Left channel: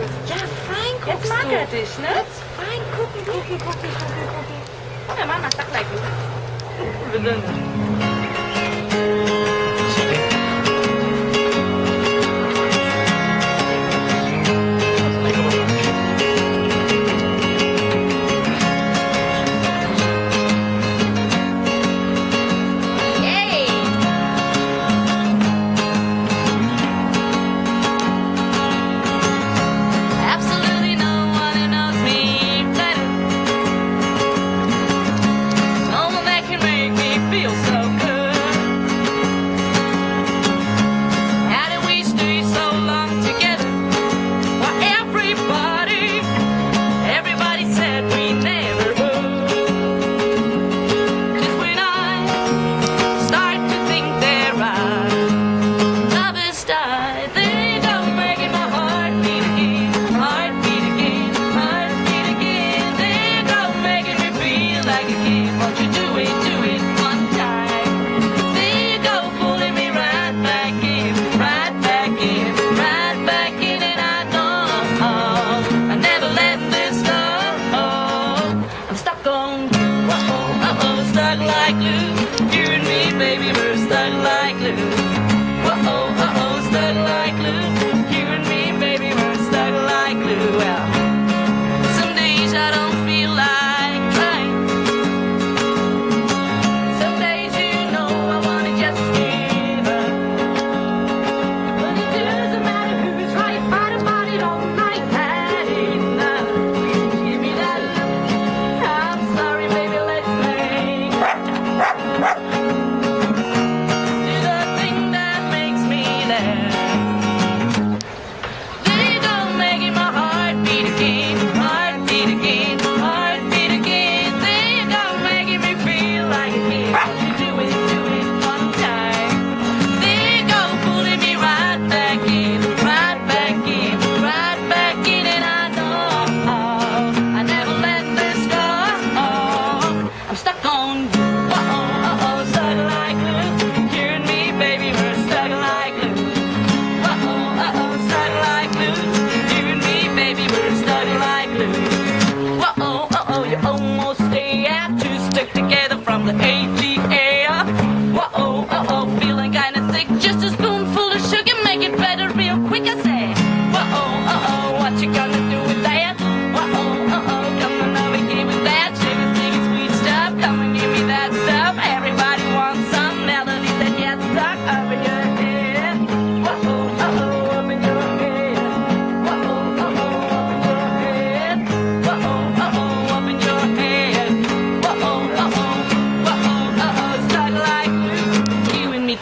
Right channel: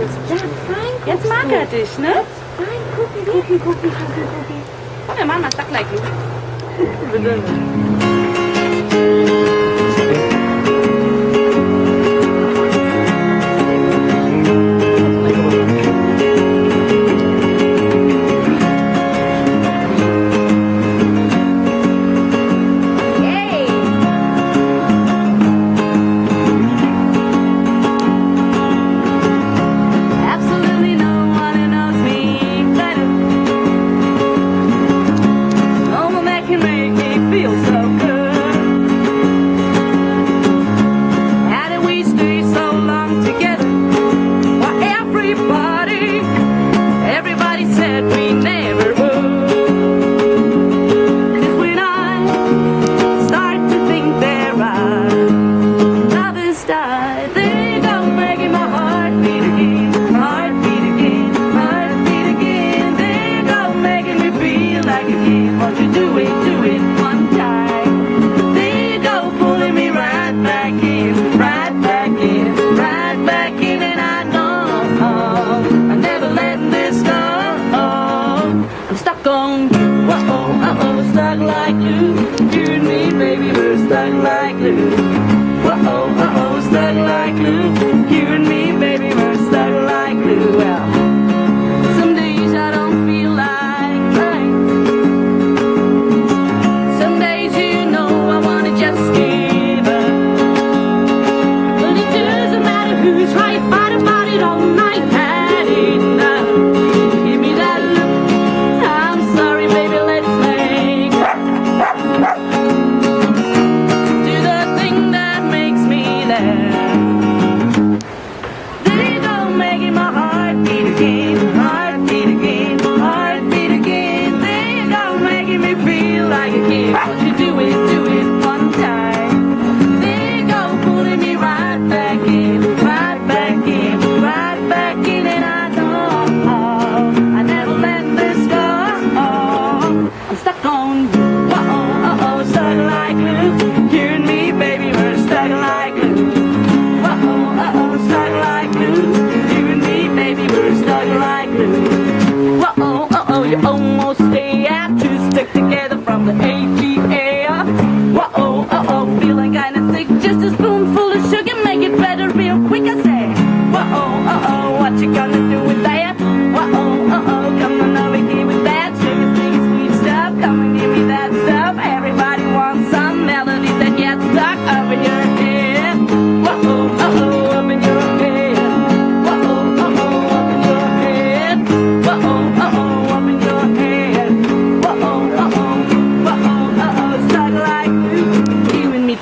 Ja, fein guckst Jetzt mag er dich, ne? Jetzt fein gucken. Ja, Mann, was sagt gleich du?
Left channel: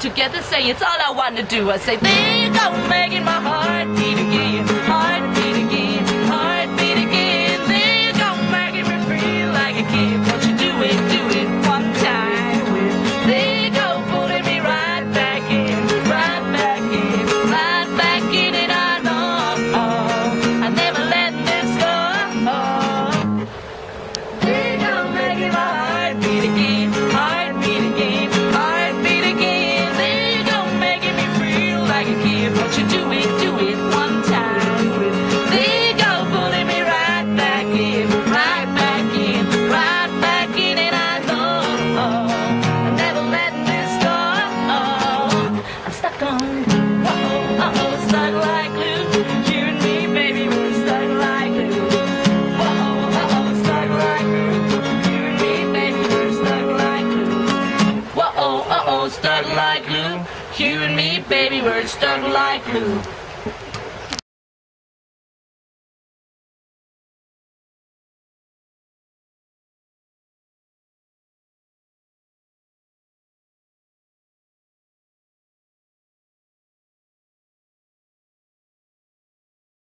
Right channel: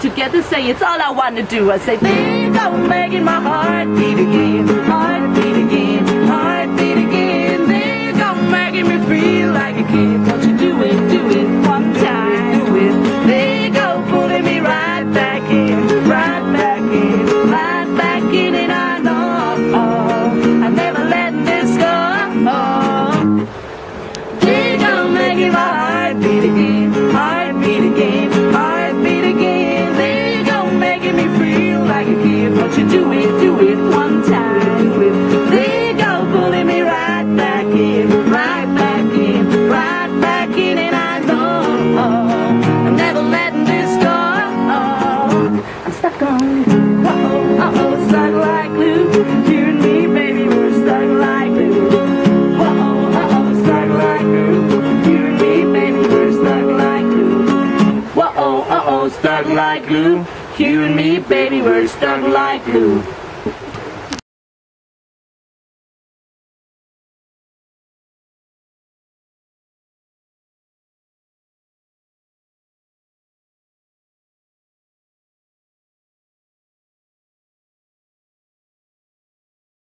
Together say it's all I want to do. I say, they don't making my heart beat again, heart beat again, heart beat again. They don't making me feel like a kid. Won't you do it one time? They go pulling me right back in, right back in, right back in, and I know I never let this go. They don't making my heart beat again, heart beat again, heart beat again. Won't you do it one time? They go pulling me right back in, right back in, right back in, and I know I'm never letting this go. I'm stuck on, stuck like glue. You and me, baby, we're stuck like glue. Stuck like glue. You and me, baby, we're stuck like glue. Stuck like glue. You and me, baby, we're stuck like glue.